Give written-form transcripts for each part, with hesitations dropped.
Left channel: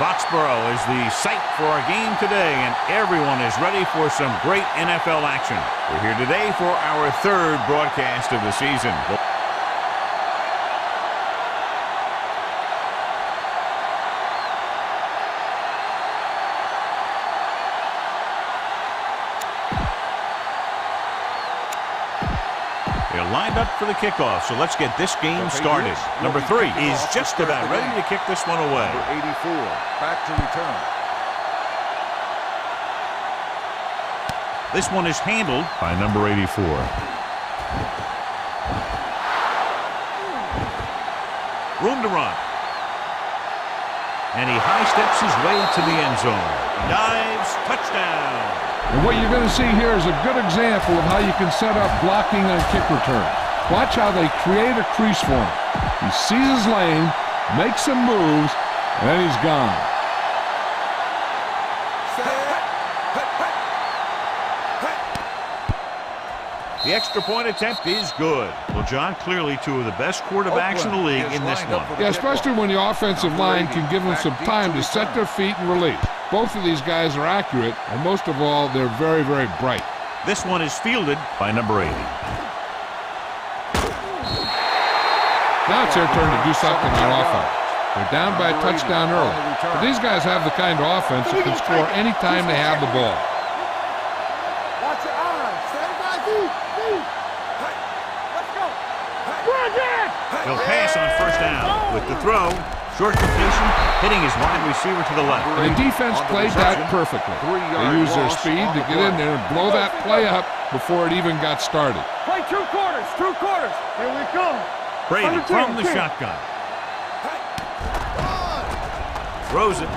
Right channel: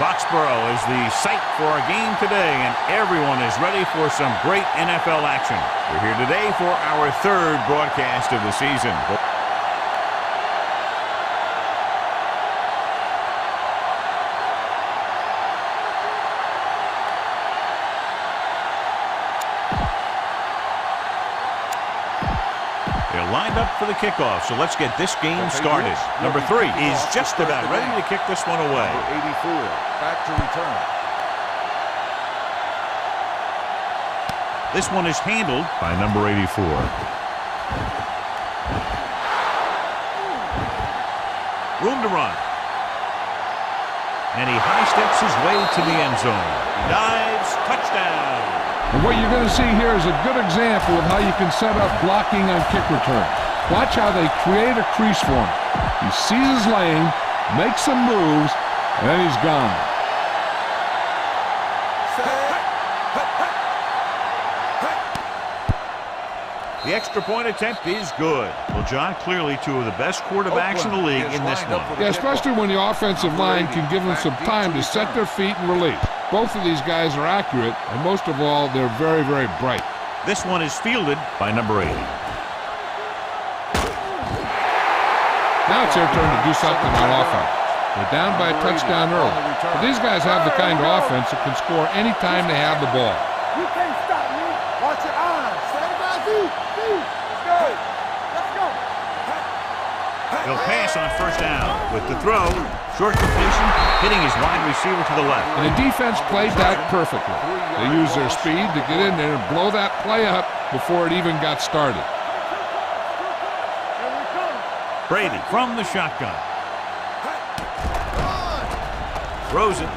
Foxborough is the site for our game today, and everyone is ready for some great NFL action. We're here today for our third broadcast of the season. They're lined up for the kickoff, so let's get this game started. Number 3 is just about ready to kick this one away. Number 84, back to return. This one is handled by number 84. Room to run. And he high steps his way to the end zone. He dives, touchdown. And what you're going to see here is a good example of how you can set up blocking on kick return. Watch how they create a crease for him. He sees his lane, makes some moves, and then he's gone. The extra point attempt is good. Well, John, clearly two of the best quarterbacks in the league in this one. Yeah, especially when the offensive line can give them some time to set their feet and release. Both of these guys are accurate, and most of all, they're very, very bright. This one is fielded by number 80. Now it's their turn to do something on offense. They're down by a touchdown early. But these guys have the kind of offense that can score any time they have the ball. You can't stop me. Watch your eyes. Stay by feet. Let's go. He'll pass on first down. With the throw, short completion, hitting his wide receiver to the left. And the defense played that perfectly. They used their speed to get in there and blow that play up before it even got started. Play 2 quarters. Here we come. Brady from the shotgun. Throws it.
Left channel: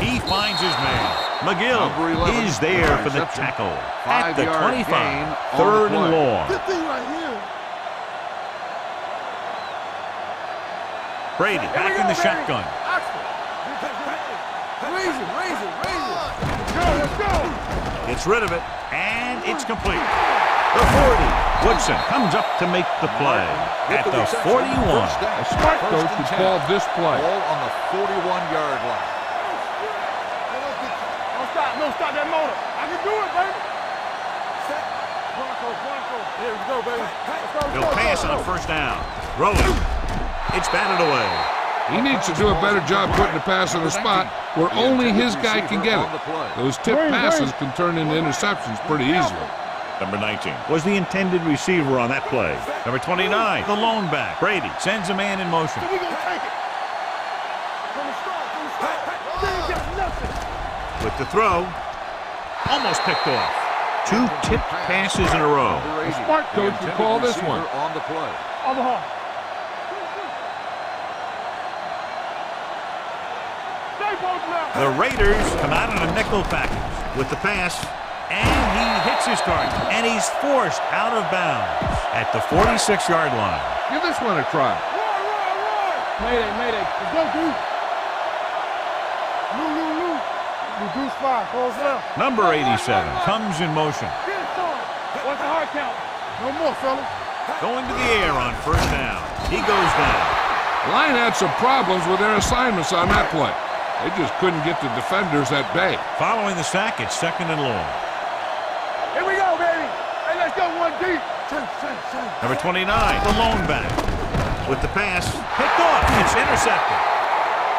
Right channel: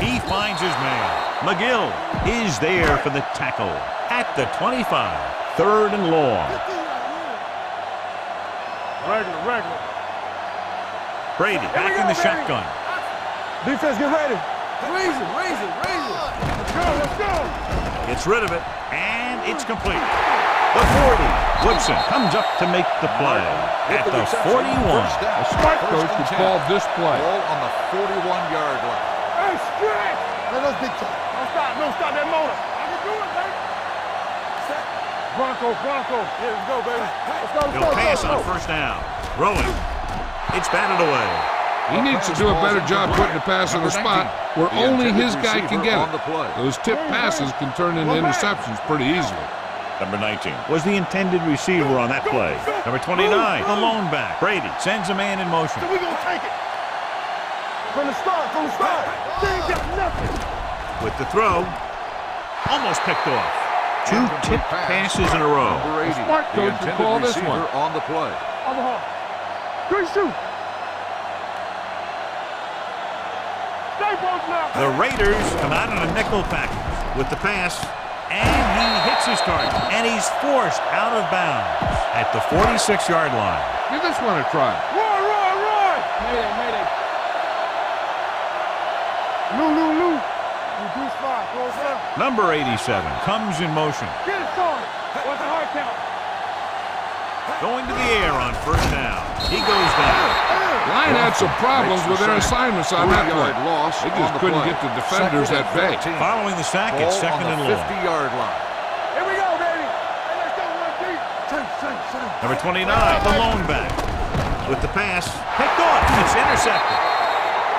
He finds his man. McGill is there for the tackle at the 25. 3rd and long. Good thing right here. Regular. Brady back in the shotgun. Defense, get ready. Raise it. Let's go. Gets rid of it, and it's complete. The 40. Woodson comes up to make the play at the 41. A smart coach would call this play. Ball on the 41-yard line. Hey, stretch. Hey, that's big time. Don't stop that motor. I can do it, baby. Set. Bronco. Yeah, let's go, baby. Let's go. He'll pass on first down. Rolling. It's batted away. He needs to do a better job putting the pass in a spot where only his guy can get it. Those tip passes can turn into interceptions pretty easily. Number 19 was the intended receiver on that play. Number 29, the lone back. Brady sends a man in motion. So we're going to take it. From the start. They ain't got nothing. With the throw, almost picked off. 2 tipped passes in a row. A smart coach would call this one. On the play. Overhaul. 3 shoot. Stay both now. The Raiders come out in a nickel package with the pass, and he hits his target, and he's forced out of bounds at the 46-yard line. Give this one a try. Roy. Mayday. Let's go, dude. Lou. Reduce 5. Close down. Number 87 comes in motion. Get it, son. What's the hard count? No more, fellas. Going to the air on first down. He goes down. The line had some problems with their assignments on that play. They just couldn't get the defenders at bay. Following the sack, it's 2nd and long. Here we go, baby. Hey, let's go 1 deep. Change. Number 29, the lone back. With the pass, picked off. It's intercepted.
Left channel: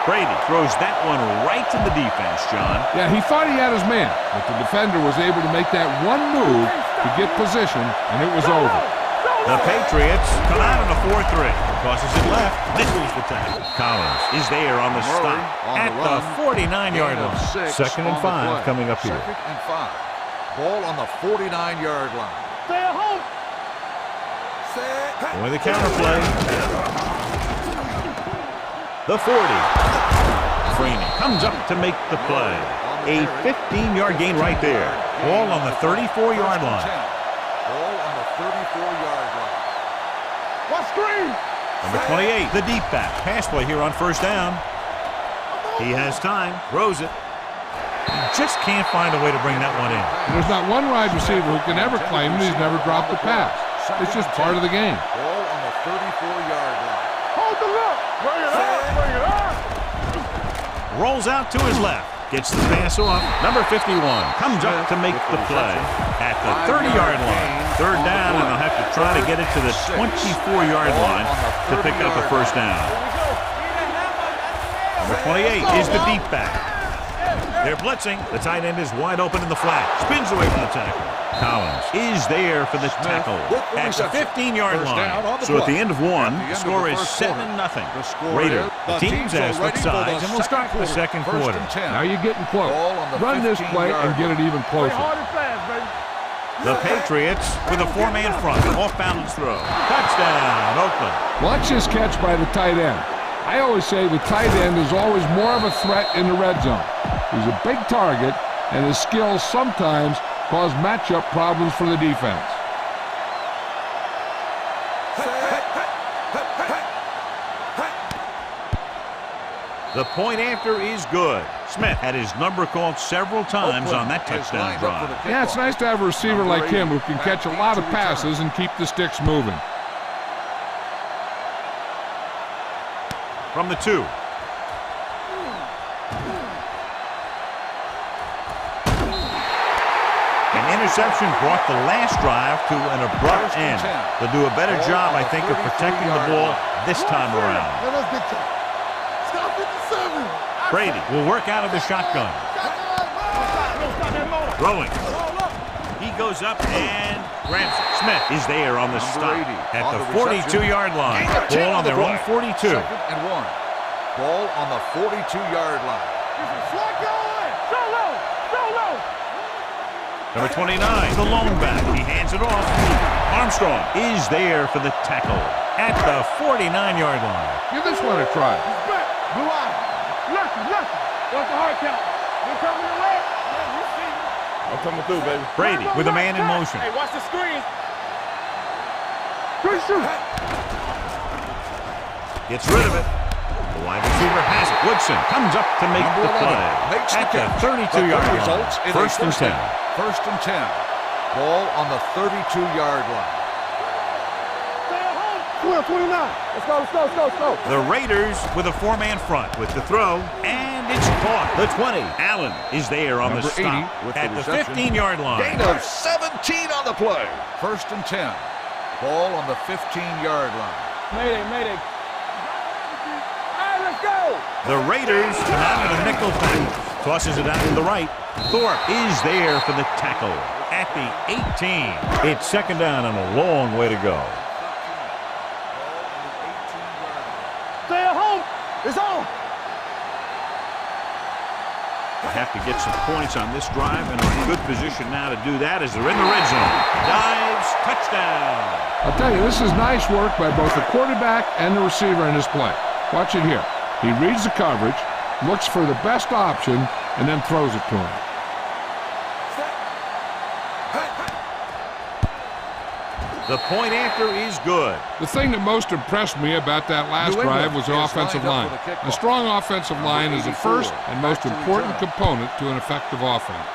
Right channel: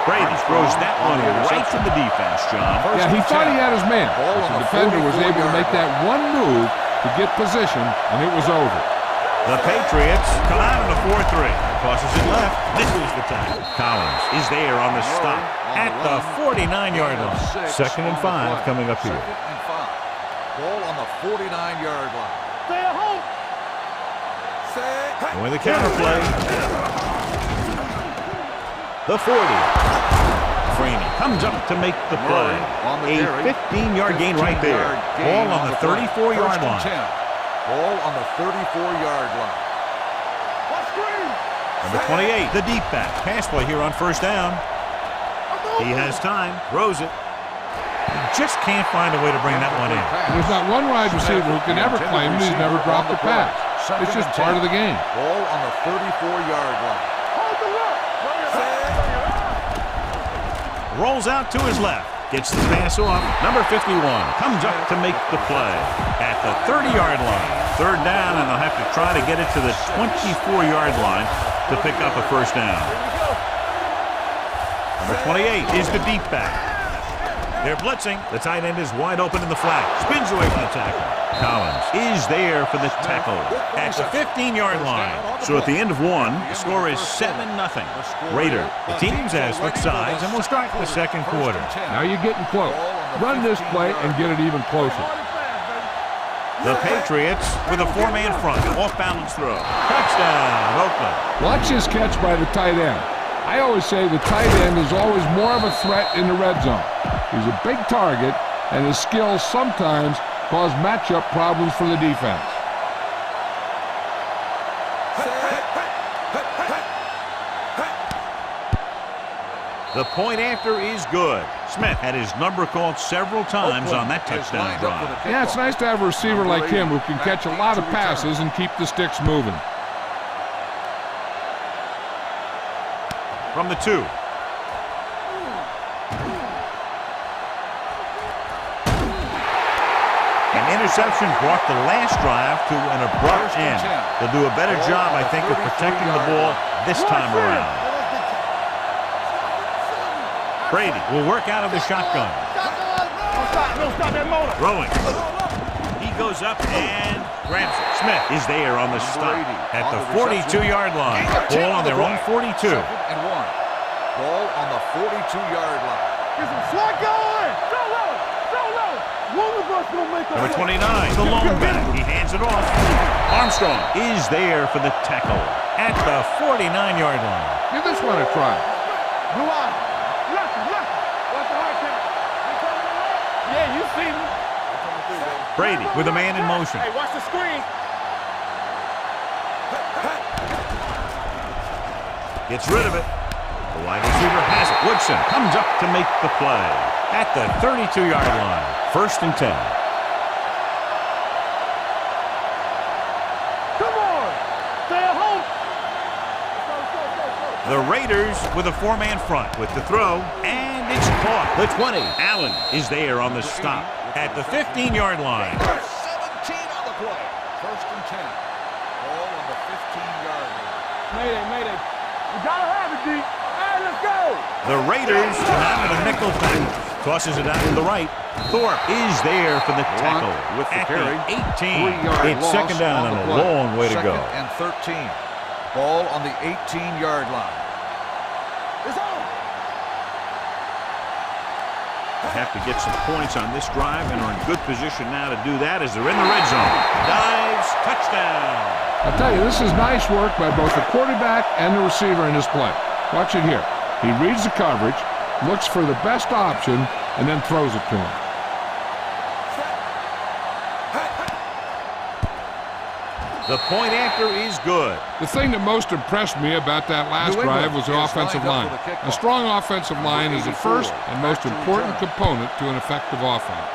Brady throws that one right to the defense, John. Yeah, he thought he had his man, but the defender was able to make that one move to get position, and it was over. The Patriots come out in a 4-3. Tosses it left. Nichols the tackle. Collins is there on the stop at the 49-yard line. 2nd and 5 coming up here. 2nd and 5. Ball on the 49-yard line. Stay at home. Going the counter play. The 40. Freeney comes up to make the play. A 15-yard gain right there. Ball on the 34-yard line. Ball on the 34-yard line. What screen? Number 28, the deep back. Pass play here on first down. He has time. Throws it. He just can't find a way to bring that one in. There's not one wide receiver who can ever claim that he's never dropped a pass. It's just part of the game. Ball on the 34-yard line. Hold the look. Bring it up. rolls out to his left. Gets the pass off. Number 51 comes up to make the play at the 30-yard line. Third down, and they'll have to try to get it to the 24-yard line to pick up a first down. Number 28 is the deep back. They're blitzing. The tight end is wide open in the flat. Spins away from the tackle. Collins is there for the tackle at the 15-yard line. So at the end of one, the score is 7-0. Raiders. The teams have split sides, and we'll start the second quarter. Now you're getting close. Run this play and get it even closer. The Patriots with a four-man front. Off-balance throw. Touchdown, Oakland. Watch this catch by the tight end. I always say the tight end is always more of a threat in the red zone. He's a big target, and his skills sometimes cause matchup problems for the defense. The point after is good. Smith had his number called several times on that touchdown drive. Yeah, it's nice to have a receiver like him who can catch a lot of passes and keep the sticks moving. From the 2. An interception brought the last drive to an abrupt end. They'll do a better job, I think, of protecting the ball this time around. Brady will work out of the shotgun. Throwing. He goes up and grabs it. Smith is there on the stop at the 42-yard line. Ball on their own 42. 2nd and 1. Ball on the 42-yard line. Get some slack going. So low. So low. One of us will make Number 29, the lone back. He hands it off. Armstrong is there for the tackle at the 49-yard line. Give this one a try. Blue eye. Lucky. Watch the hard count. You coming to left? Yeah, you see me. I'm coming through, baby. Brady with a man in motion. Hey, watch the screen. Gets rid of it. The wide receiver has it. Woodson comes up to make the play at the 32-yard line. 1st and 10. 1st and 10. Ball on the 32-yard line. Come on. Stay at home. 29. Let's go. The Raiders with a four-man front with the throw, and it's caught. The 20. Allen is there on the stop at the 15-yard line. Gain of 17 on the play. 1st and 10. Ball on the 15-yard line. Mayday. You gotta have it, D. All right, let's go. The Raiders come out in a nickel package. Tosses it out to the right. Thorpe is there for the tackle at the 18. It's 2nd down and a long way to go. 2nd and 13. Ball on the 18-yard line. Stay at home. It's on. They have to get some points on this drive and are in good position now to do that as they're in the red zone. Dives, touchdown. I'll tell you, this is nice work by both the quarterback and the receiver in this play. Watch it here. He reads the coverage, looks for the best option, and then throws it to him. The point after is good. The thing that most impressed me about that last drive was the offensive line. A strong offensive line is the first and most important component to an effective offense.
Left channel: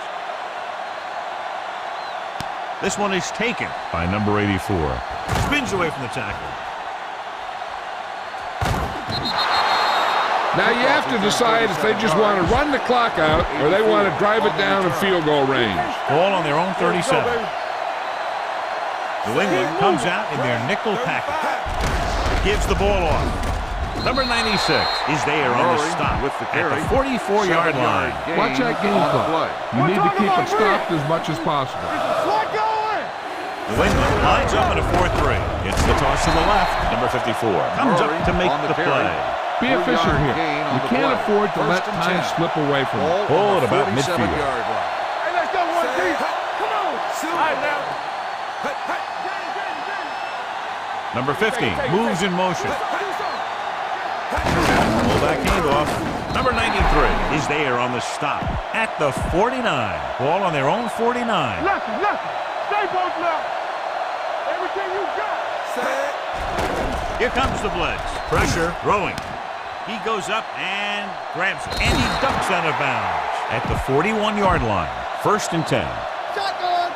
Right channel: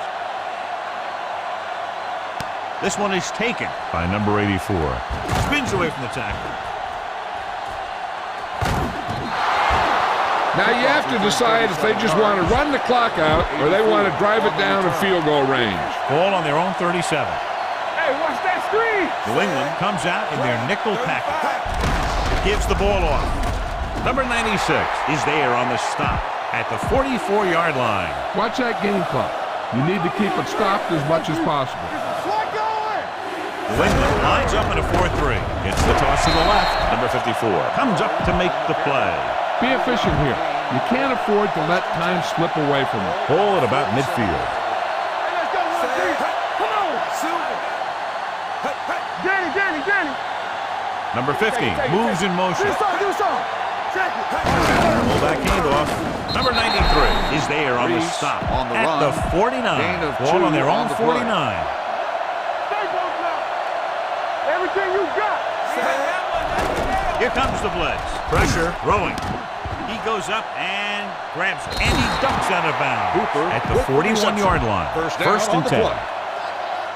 This one is taken by number 84. Spins away from the tackle. Now you have to decide if they just want to run the clock out or they want to drive it down in field goal range. Ball on their own 37. New England comes out in their nickel package. Gives the ball off. Number 96 is there on the stop at the 44-yard line. Watch that game clock. You need to keep it stopped as much as possible. New England lines up in a 4-3. It's the toss to the left. Number 54 comes up to make the play. Be efficient here. You can't afford to let time slip away from you. Ball at about midfield. Hey, let's go, 1D. Come on. All right, now. Danny. Number 50 moves in motion. Do something. Check it. Fullback handoff. Number 93 is there on the stop at the 49. Ball on their own 49. Lucky. Stay both left. Everything you got. Here comes the blitz. Pressure, throwing. He goes up and grabs it. And he ducks out of bounds at the 41-yard line. 1st and 10. Shotgun.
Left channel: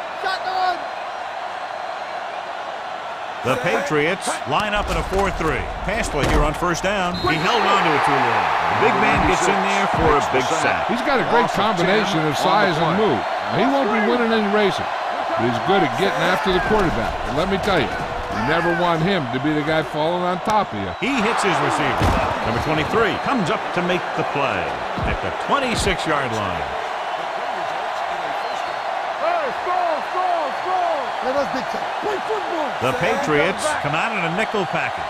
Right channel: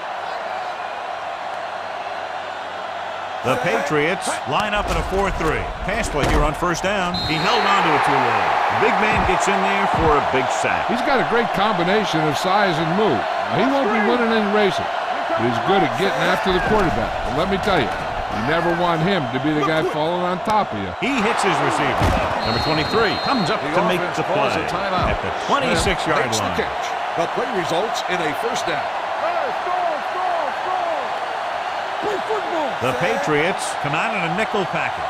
The The Patriots line up in a 4-3. Pass play here on first down. He held on to it too long. The big man gets in there for a big sack. He's got a great combination of size and move. Now, he won't be winning any races, but he's good at getting after the quarterback. And let me tell you, you never want him to be the guy falling on top of you. He hits his receiver. Number 23 comes up to make the play at the 26-yard line. The play results in a first down. Hey, score! Let us big time. Play football. The Patriots come out in a nickel package.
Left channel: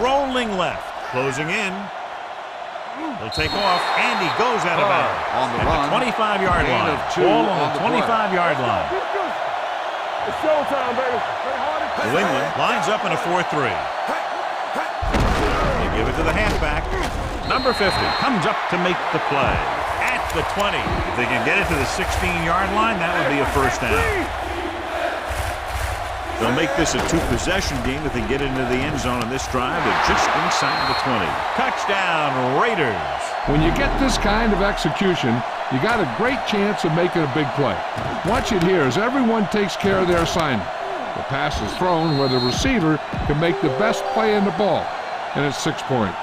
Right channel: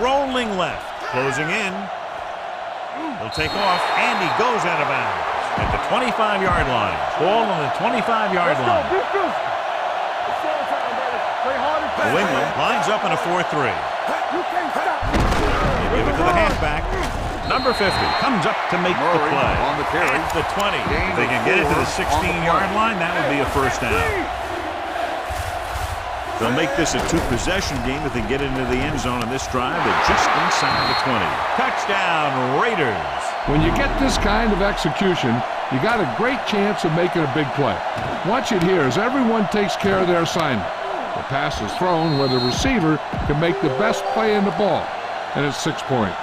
Rolling left, closing in. He'll take off, and he goes out of bounds at the 25-yard line. Ball on the 25-yard line. It's showtime, baby. Play hard and New England lines up in a 4-3. They give it to the halfback. Number 50 comes up to make the play at the 20. If they can get it to the 16-yard line, that would be a first down. They'll make this a two-possession game if they get into the end zone in this drive. They're just inside the 20. Touchdown, Raiders. When you get this kind of execution, you got a great chance of making a big play. Watch it here as everyone takes care of their assignment. The pass is thrown where the receiver can make the best play in the ball, and it's 6 points.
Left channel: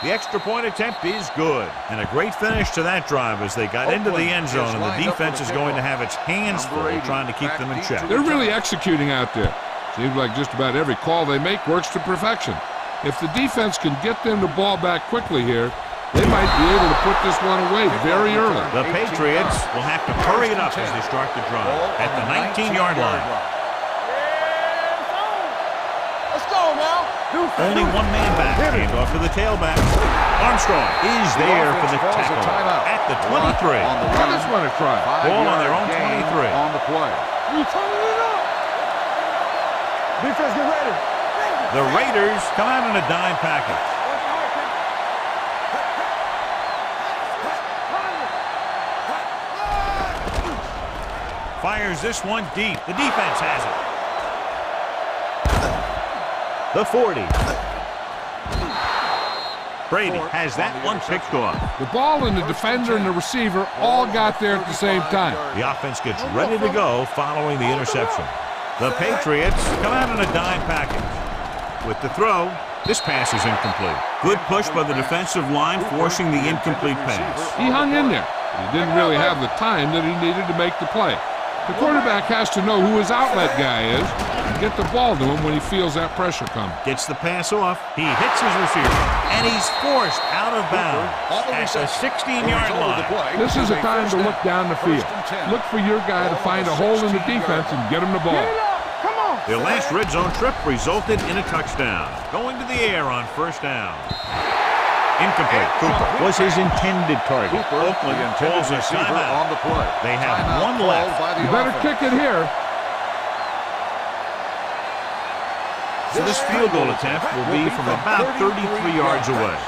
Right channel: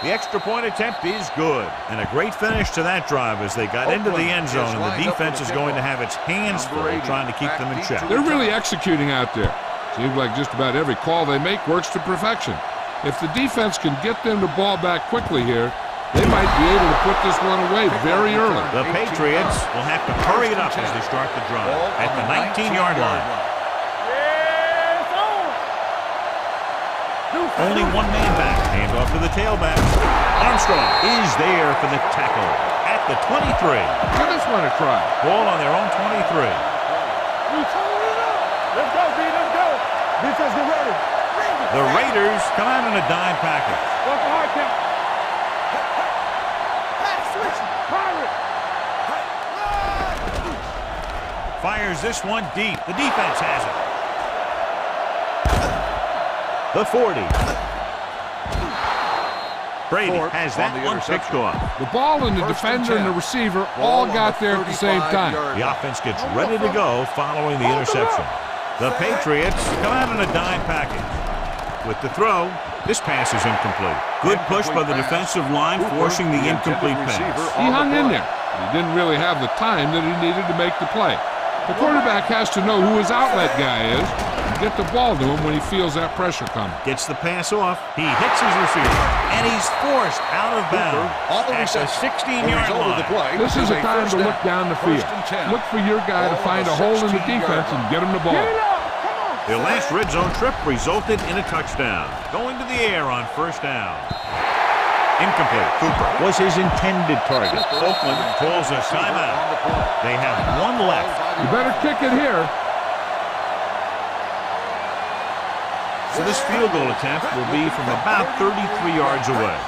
The extra point attempt is good. And a great finish to that drive as they got into the end zone, and the defense is going to have its hands full trying to keep them in check. They're really executing out there. Seems like just about every call they make works to perfection. If the defense can get them the ball back quickly here, they might be able to put this one away very early. The Patriots will have to hurry it up as they start the drive at the 19-yard line. Only one man back. Hand off to the tailback. Armstrong is there for the tackle at the 23. Give this one a try. Ball on their own 23. We turning it up. Let's go, B. Let's go. Defense, get ready. The Raiders come out in a dime package. What's the hard count? Pirate. Fires this one deep. The defense has it. The 40. Brady has that one picked off. The ball and the defender and the receiver all got there at the same time. The offense gets ready to go following the interception. The Patriots come out in a dime package. With the throw, this pass is incomplete. Good push by the defensive line, forcing the incomplete pass. He hung in there, but he didn't really have the time that he needed to make the play. The quarterback has to know who his outlet guy is and get the ball to him when he feels that pressure coming. Gets the pass off. He hits his receiver, and he's forced out of bounds at the 16-yard line. This is a time to look down the field. Look for your guy to find a hole in the defense and get him the ball. Their last red zone trip resulted in a touchdown. Going to the air on first down. Incomplete. Cooper was his intended target. Oakland calls a timeout. They have one left. You better kick it here. So this field goal attempt will be from about 33 yards away.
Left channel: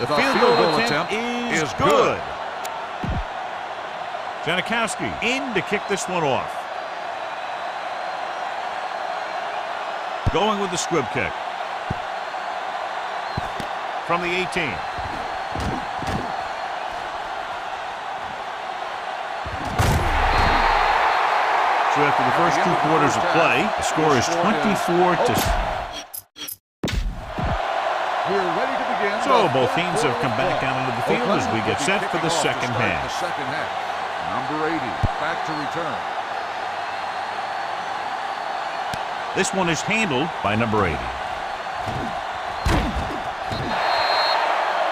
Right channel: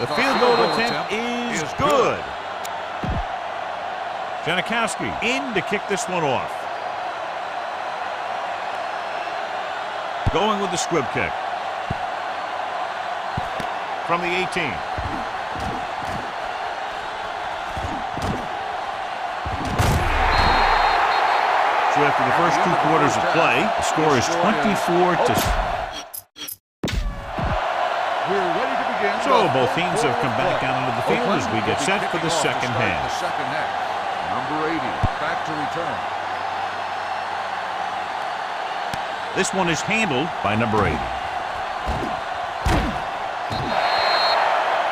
The field goal attempt is good. Janikowski in to kick this one off. Going with the squib kick. From the 18. So after the first 2 quarters of play, the score is 24 to... We're ready to begin. So both teams have come back out into the field as we get set for the second half. Number 80, back to return. This one is handled by number 80.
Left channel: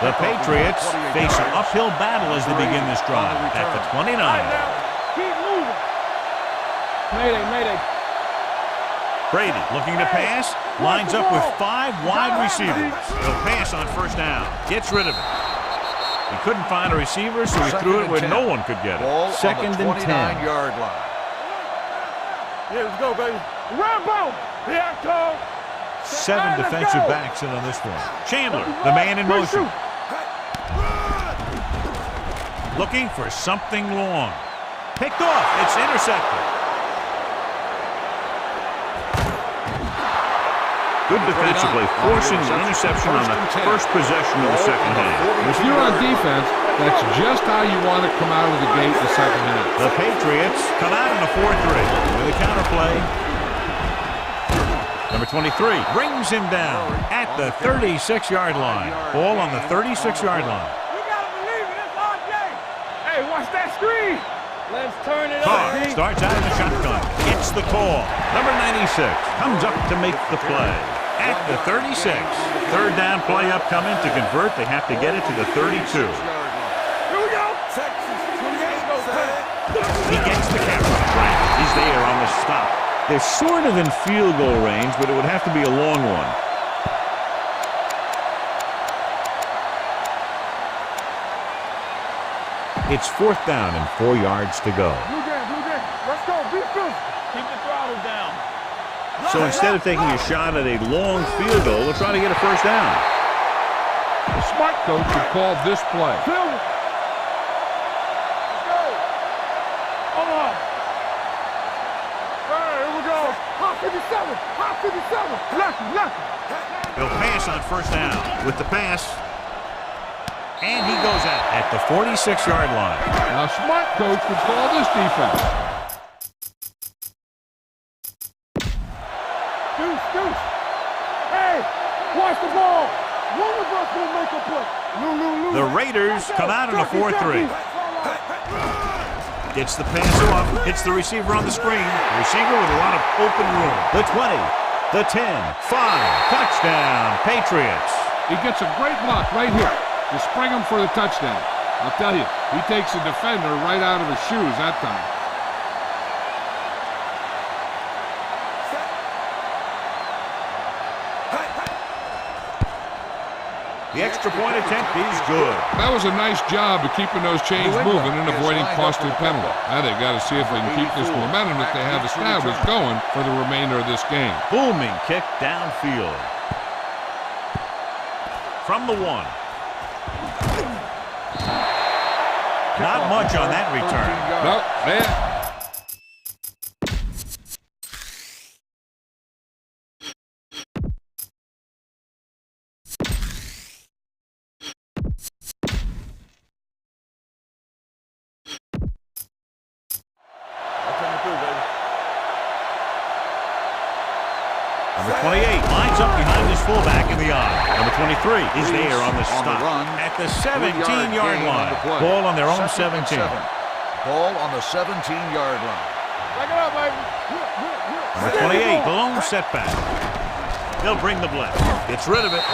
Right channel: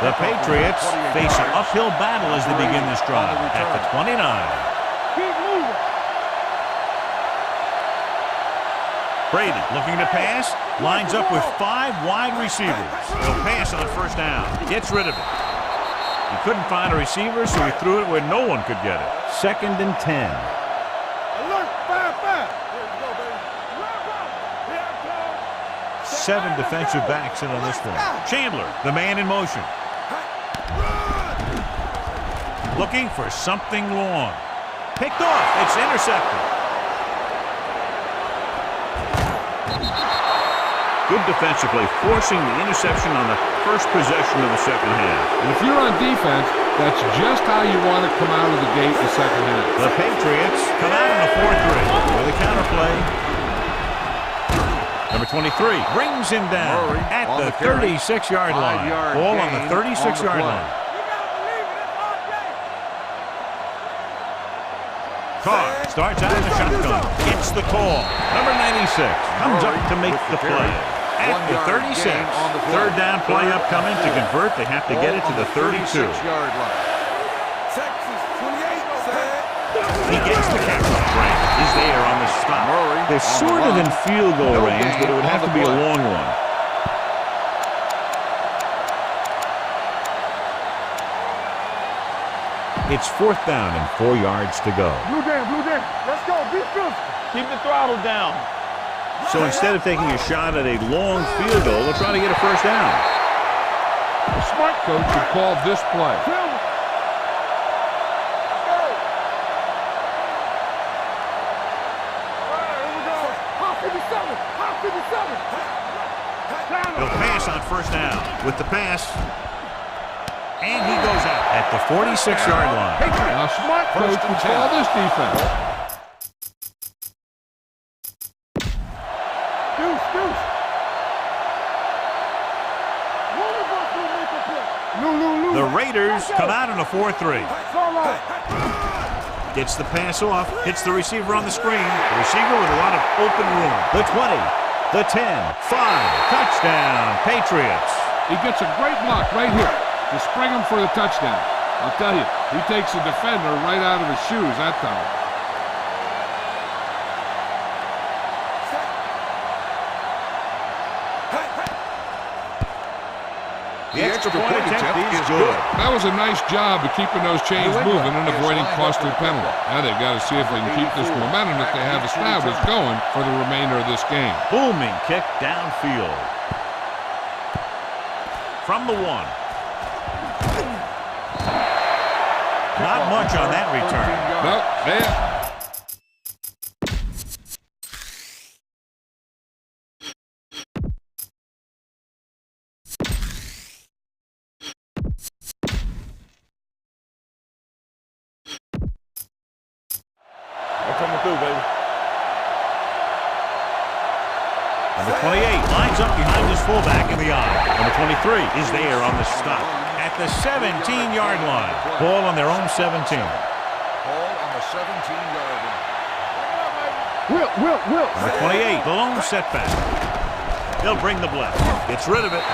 The Patriots face an uphill battle as they begin this drive at the 29. Keep moving. Mayday. Brady looking to pass, lines up with 5 wide receivers. He'll pass on first down, gets rid of it. He couldn't find a receiver, so he threw it where no one could get it. Second and 10. Alert, 5-5. Here we go, baby. Rambo. Here I come. 7 defensive backs in on this one. Chandler, the man in motion. Looking for something long. Picked off. It's intercepted. Good defensive play, forcing the interception on the first possession of the second half. And if you're on defense, that's just how you want to come out of the gate in the second half. The Patriots come out in a 4-3 with a counterplay. Number 23 brings him down at the 36-yard line. Ball on the 36-yard line. You gotta believe it. It's RJ. Hey, watch that screen. Let's turn it Carr starts out in the shotgun. Gets the call. Number 96 comes up to make the play. At the 36. Third down play upcoming to convert. They have to get it to the 32. Here we go. Texas 28. He gets the carry. Frank is there on the stop. They're sort of in field goal range, but it would have to be a long one. It's 4th down and 4 yards to go. Blue down. Let's go. Be physical. Keep the throttle down. So instead of taking a shot at a long field goal, they'll try to get a first down. A smart coach would call this play. Let's go. Hold on. All right, here we go. Hot 57. Left. They'll pass on first down with the pass. And he goes out at the 46-yard line. Now, a smart coach would call this defense. Deuce. Hey, watch the ball. One of us will make a play. Lou. The Raiders come out in a 4-3. Gets the pass off. Hits the receiver on the screen. The receiver with a lot of open room. The 20. The 10. 5. Touchdown, Patriots. He gets a great block right here to spring him for the touchdown. I'll tell you, he takes the defender right out of his shoes that time. The extra point attempt is good. That was a nice job of keeping those chains moving and avoiding costly penalties. Now they've got to see if they can keep this momentum that they have established going for the remainder of this game. Booming kick downfield. From the 1. Not much on that return. No, there. Coming through, baby. Number 28 lines up behind his fullback in the eye. Number 23 is there on the stop at the 17-yard line. Ball on their own 17. Ball on the 17-yard line. Back it up, baby. Will. Number 28, the lone setback. They'll bring the blitz. Gets rid of it.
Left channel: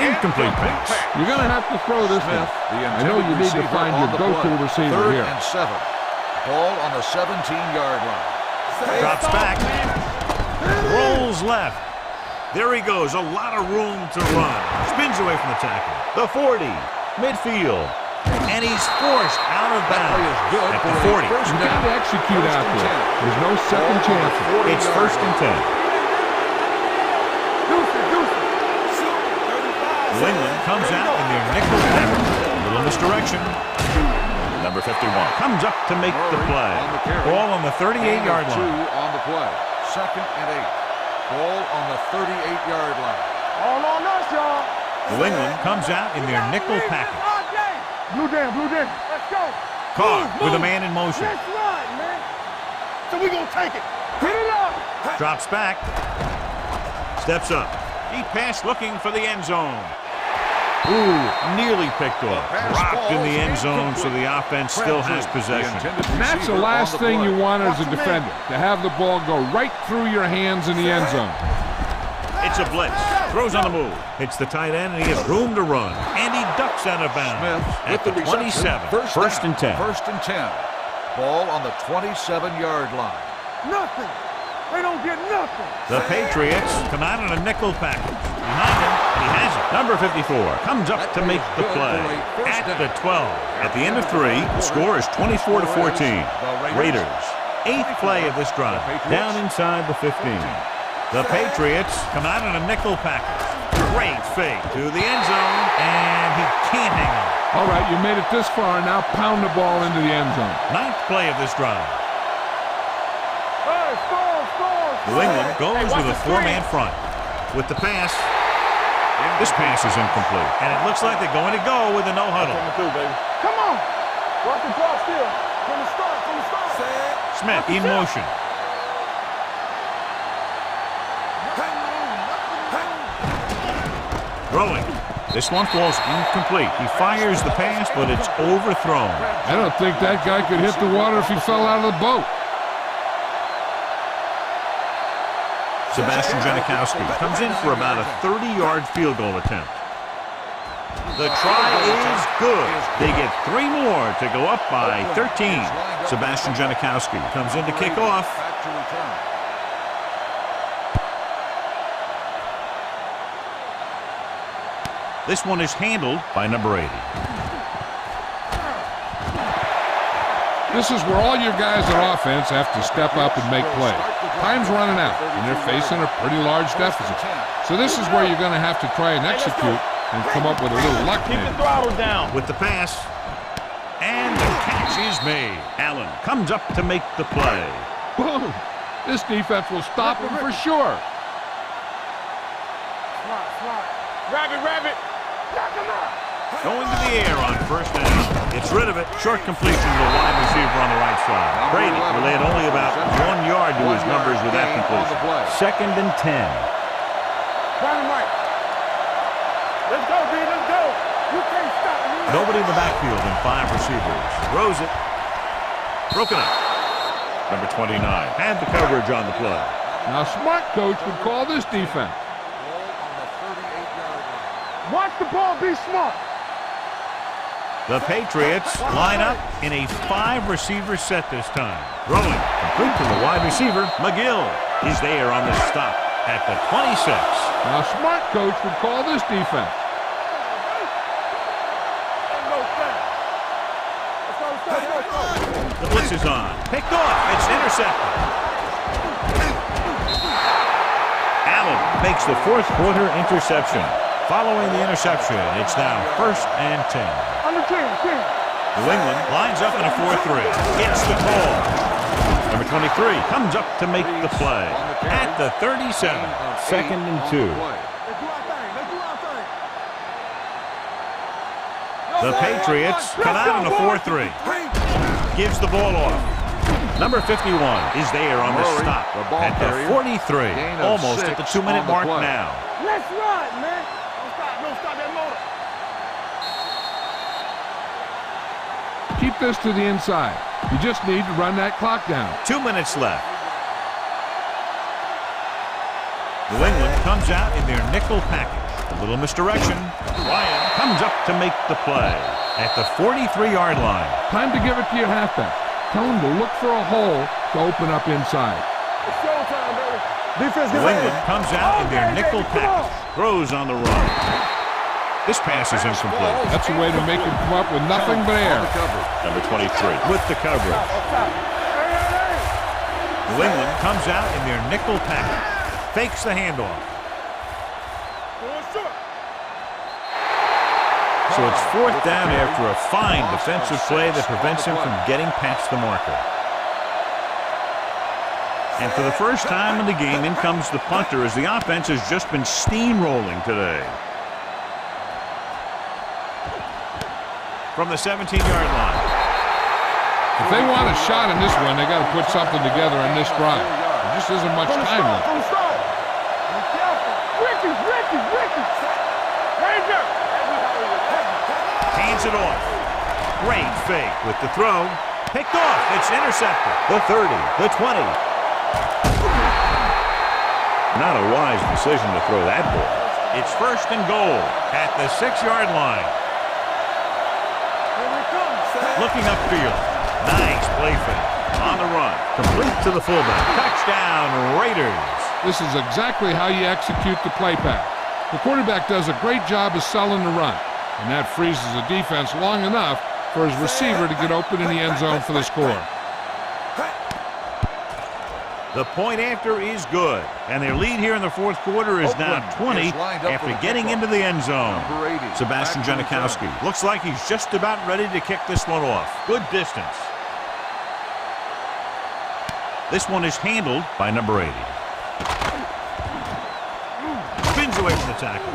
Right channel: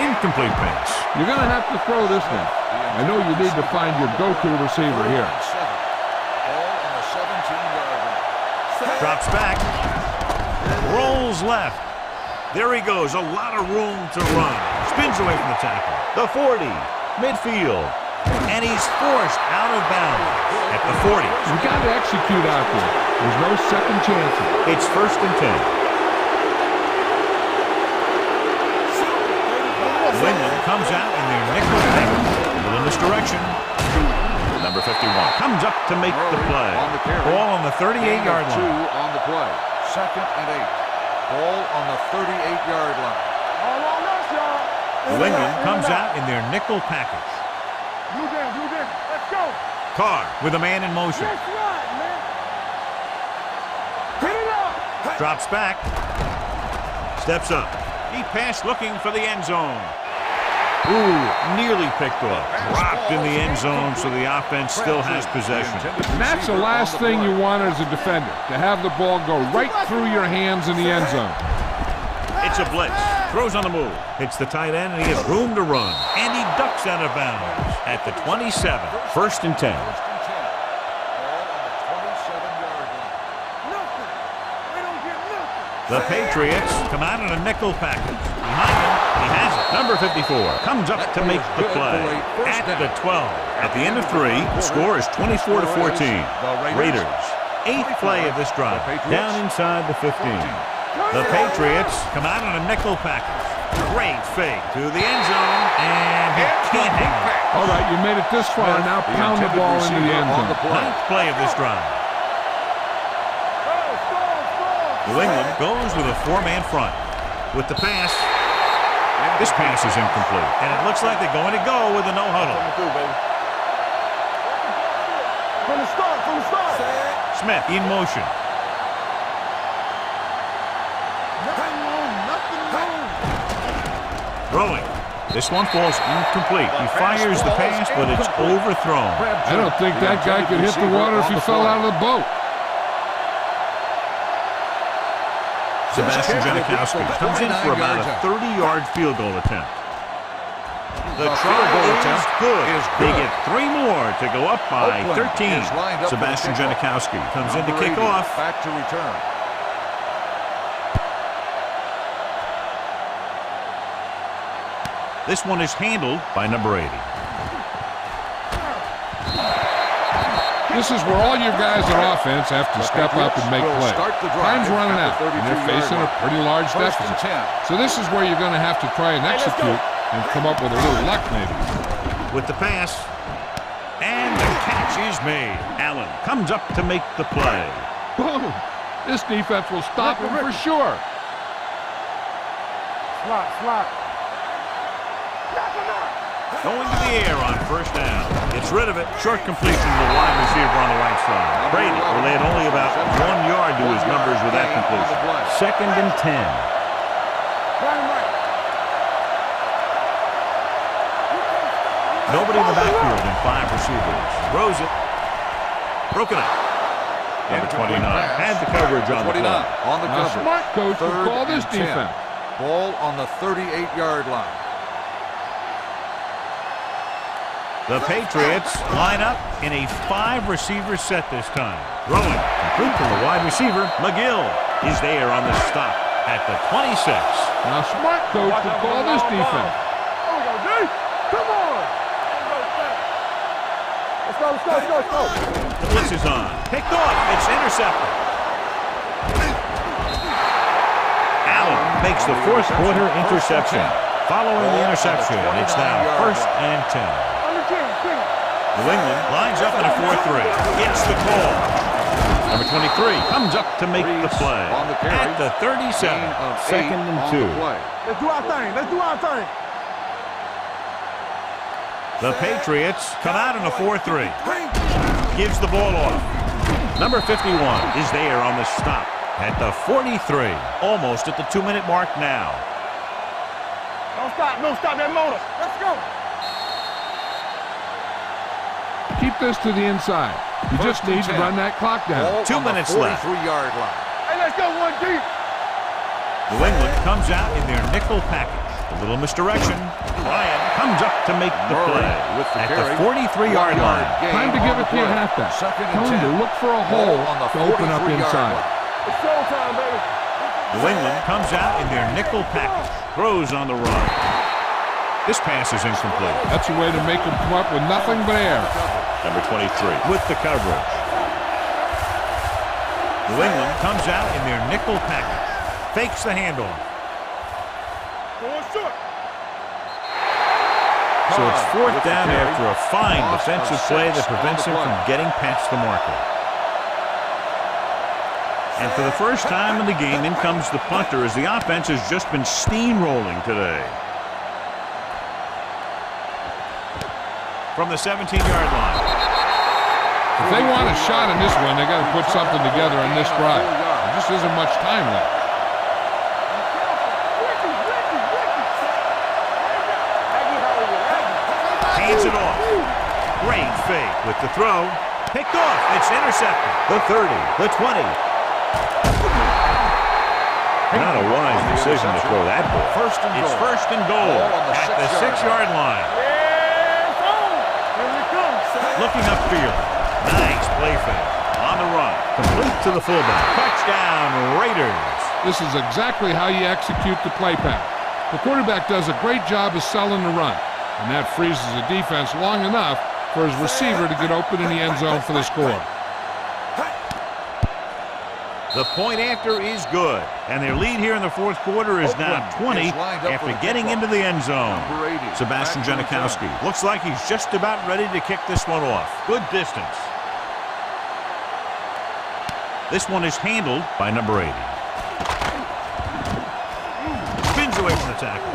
Incomplete pass. You're going to have to throw this one. I know you need to find your go-to receiver here. 3rd and 7. Ball on the 17-yard line. Drops back. Rolls left. There he goes. A lot of room to run. Spins away from the tackle. The 40. Midfield. And he's forced out of bounds at the 40. You got to execute out there. There's no second chances. It's 1st and 10. New England comes out in their nickel pattern. A little misdirection. Number 51 comes up to make the play. Ball on the 38-yard line. 2 on the play. 2nd and 8. Ball on the 38-yard line. All on us, y'all. New England comes out in their nickel package. Blue down. Let's go. Carr with a man in motion. Let's run, man. So we gonna take it. Hit it up. Drops back. Steps up. Deep pass looking for the end zone. Ooh, nearly picked off. Dropped in the end zone, so the offense still has possession. And that's the last thing you want as a defender, to have the ball go right through your hands in the end zone. It's a blitz. Throws on the move. Hits the tight end, and he has room to run. And he ducks out of bounds at the 27. 1st and 10. 1st and 10. Ball on the 27-yard line. Nothing. They don't get nothing. The Patriots come out in a nickel package. Behind him, he has it. Number 54 comes up to make the play at the 12. At the end of 3, the score is 24-14. Raiders, 8th play of this drive, down inside the 15. The Patriots come out in a nickel package. Great fake to the end zone, and he can't hang on. All right, you made it this far, now pound the ball into the end zone. 9th play of this drive. New England goes with a 4-man front. with the pass. This pass is incomplete. And it looks like they're going to go with a no huddle. Coming through, baby. Come on. Work the ball still. From the start. Smith in motion. Nothing wrong. Throwing. This one falls incomplete. He fires the pass, but it's overthrown. I don't think that guy could hit the water if he fell out of the boat. Sebastian Janikowski comes in for about a 30-yard field goal attempt. The try is good. They get 3 more to go up by 13. Sebastian Janikowski comes in to kick off. Back to return. This one is handled by number 80. This is where all your guys on offense have to step up and make plays. Time's running out, and they're facing a pretty large deficit. So this is where you're going to have to try and execute and come up with a little luck maybe. With the pass, and the catch is made. Allen comes up to make the play. Boom! This defense will stop him for sure. Slot. Rabbit. Knock him out. Going to the air on first down. Gets rid of it. Short completion to the wide receiver on the right side. Brady will add only about 1 yard to his numbers with that completion. 2nd and 10. Run him right. Let's go, B. Let's go. You can't stop me. Nobody in the backfield and 5 receivers. Throws it. Broken up. Number 29 had the coverage on the play. Now, smart coach would call this defense. Ball on the 38-yard line. Watch the ball. Be smart. The Patriots line up in a 5-receiver set this time. Throwing complete to the wide receiver. McGill is there on the stop at the 26. Now, smart coach would call this defense. Come on. Ain't no thing. Let's go. The blitz is on. Picked off. It's intercepted. Allen makes the 4th quarter interception. Following the interception, it's now 1st and 10. New England lines up in a 4-3. Gets the call. Number 23 comes up to make the play. At the 37. 2nd and 2. Let's do our thing. The Patriots come out in a 4-3. Gives the ball off. Number 51 is there on the stop at the 43. Almost at the 2-minute mark now. Let's run, man. Don't stop that motor. Let's go. Keep this to the inside. You just need to run that clock down. 2 minutes left. Hey, let's go, 1 deep. New England comes out in their nickel package. A little misdirection. Ryan comes up to make the play at the 43-yard line. Time to give it to your halfback. Tell him to look for a hole to open up inside. It's showtime, baby. Defense. New England comes out in their nickel package. Throws on the run. This pass is incomplete. That's a way to make him come up with nothing but air. Number 23 with the coverage. New England comes out in their nickel package. Fakes the handoff. So it's 4th down after a fine defensive play that prevents him from getting past the marker. And for the first time in the game, in comes the punter as the offense has just been steamrolling today. From the 17-yard line. If they want a shot in this one, they got to put something together on this drive. There just isn't much time left. Hands it off. Great fake with the throw. Picked off. It's intercepted. The 30, the 20. Not a wise decision to throw that ball. It's 1st and goal at the 6-yard line. Looking upfield. Nice play fake. On the run. Complete to the fullback. Touchdown, Raiders. This is exactly how you execute the play pass. The quarterback does a great job of selling the run, and that freezes the defense long enough for his receiver to get open in the end zone for the score. The point after is good, and their lead here in the 4th quarter is now 20 after getting into the end zone. Sebastian Janikowski looks like he's just about ready to kick this one off. Good distance. This one is handled by number 80. away from the tackle.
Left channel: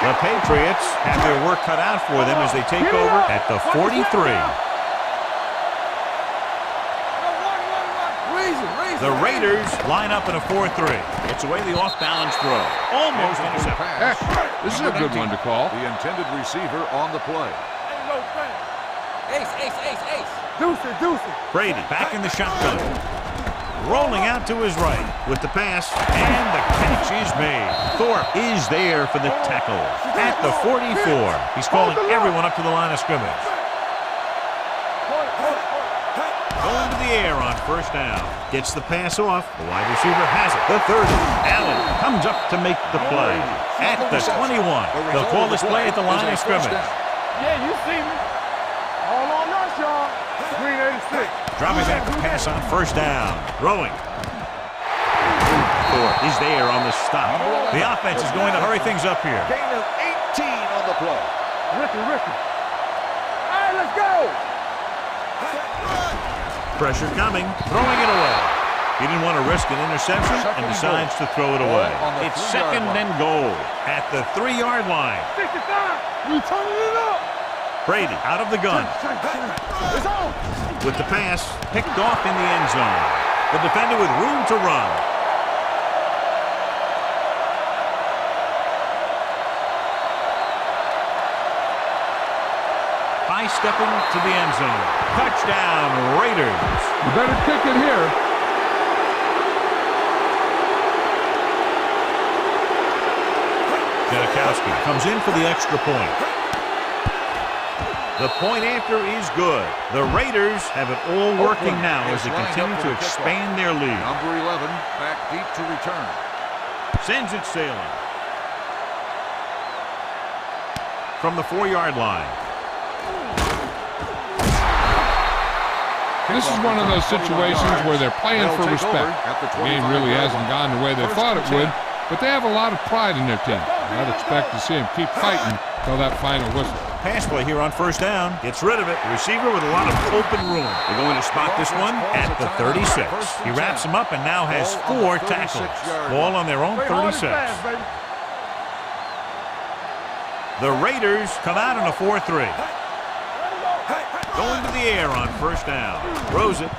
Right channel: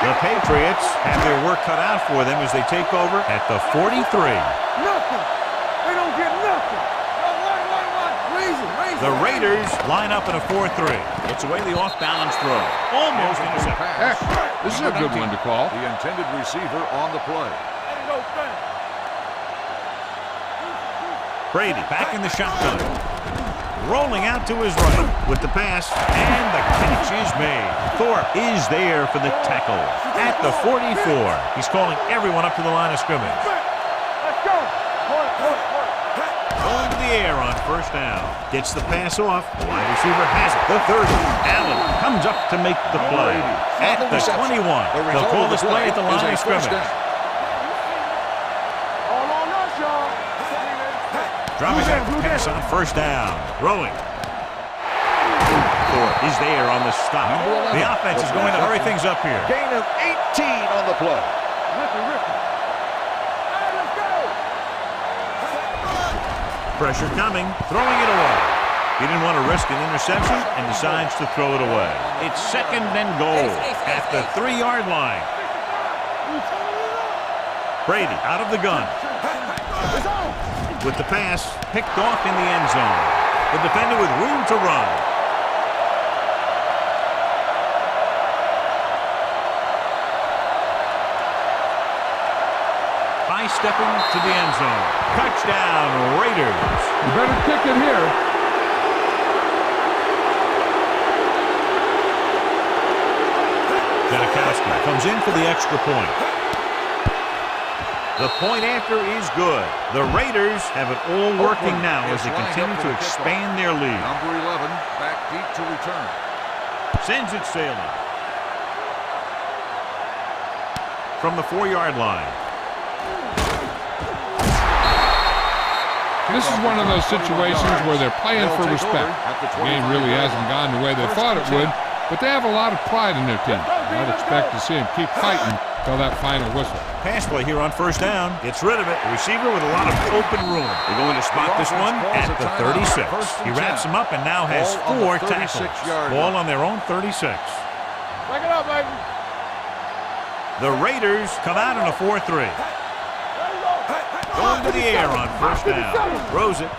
The Patriots have their work cut out for them as they take over at the 43. The Raiders line up in a 4-3. It's away the off-balance throw. Almost intercepted. This is a good one to call. The intended receiver on the play. Ain't no thing. Ace. Deuce. Brady back in the shotgun. Rolling out to his right with the pass, and the catch is made. Thorpe is there for the tackle at the 44. He's calling everyone up to the line of scrimmage. Let's go. Hold it. Going to the air on first down. Gets the pass off. The wide receiver has it. The 30. Allen comes up to make the play at the 21. They'll call this play at the line of scrimmage. Yeah, you see me. All on us, y'all. 386. Dropping back the pass on first down. Throwing. Thorpe is there on the stop. The offense is going to hurry things up here. Gain of 18 on the play. Ricky. All right, let's go. Pressure coming. Throwing it away. He didn't want to risk an interception and decides to throw it away. It's second and goal at the 3-yard line. 65. We turning it up. Brady out of the gun. It's on. With the pass picked off in the end zone. The defender with room to run. High stepping to the end zone. Touchdown, Raiders. You better kick it here. Janikowski comes in for the extra point. The point after is good. The Raiders have it all working now as they continue to expand their lead. Number 11 back deep to return. Sends it sailing. From the 4-yard line. This is one of those situations where they're playing for respect. The game really hasn't gone the way they thought it would, but they have a lot of pride in their team. I'd expect to see them keep fighting till that final whistle. Pass play here on first down. Gets rid of it. The receiver with a lot of open room. They're going to spot this one at the 36. He wraps him up and now has 4 tackles. Ball on their own 36. The Raiders come out in a 4-3. Going to the air on first down. Throws it.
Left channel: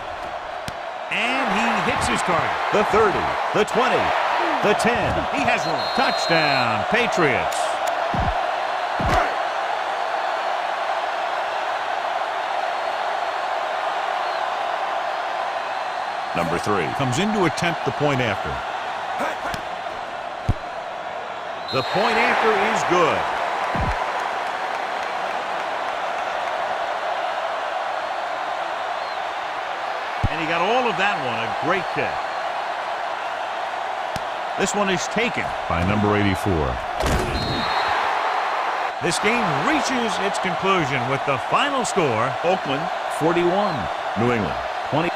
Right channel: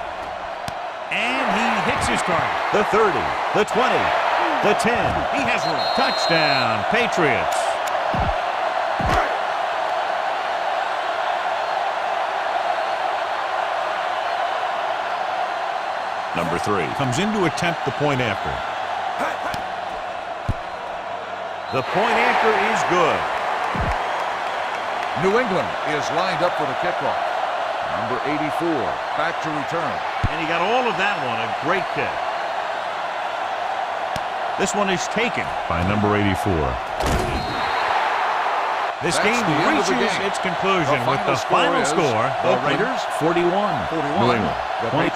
And he hits his target. The 30, the 20, the 10. He has room. Touchdown, Patriots. Number 3 comes in to attempt the point after. The point after is good. New England is lined up for the kickoff. Number 84 back to return. And he got all of that one. A great kick. This one is taken by number 84. This game reaches its conclusion with the final score. Oakland 41. New England 20.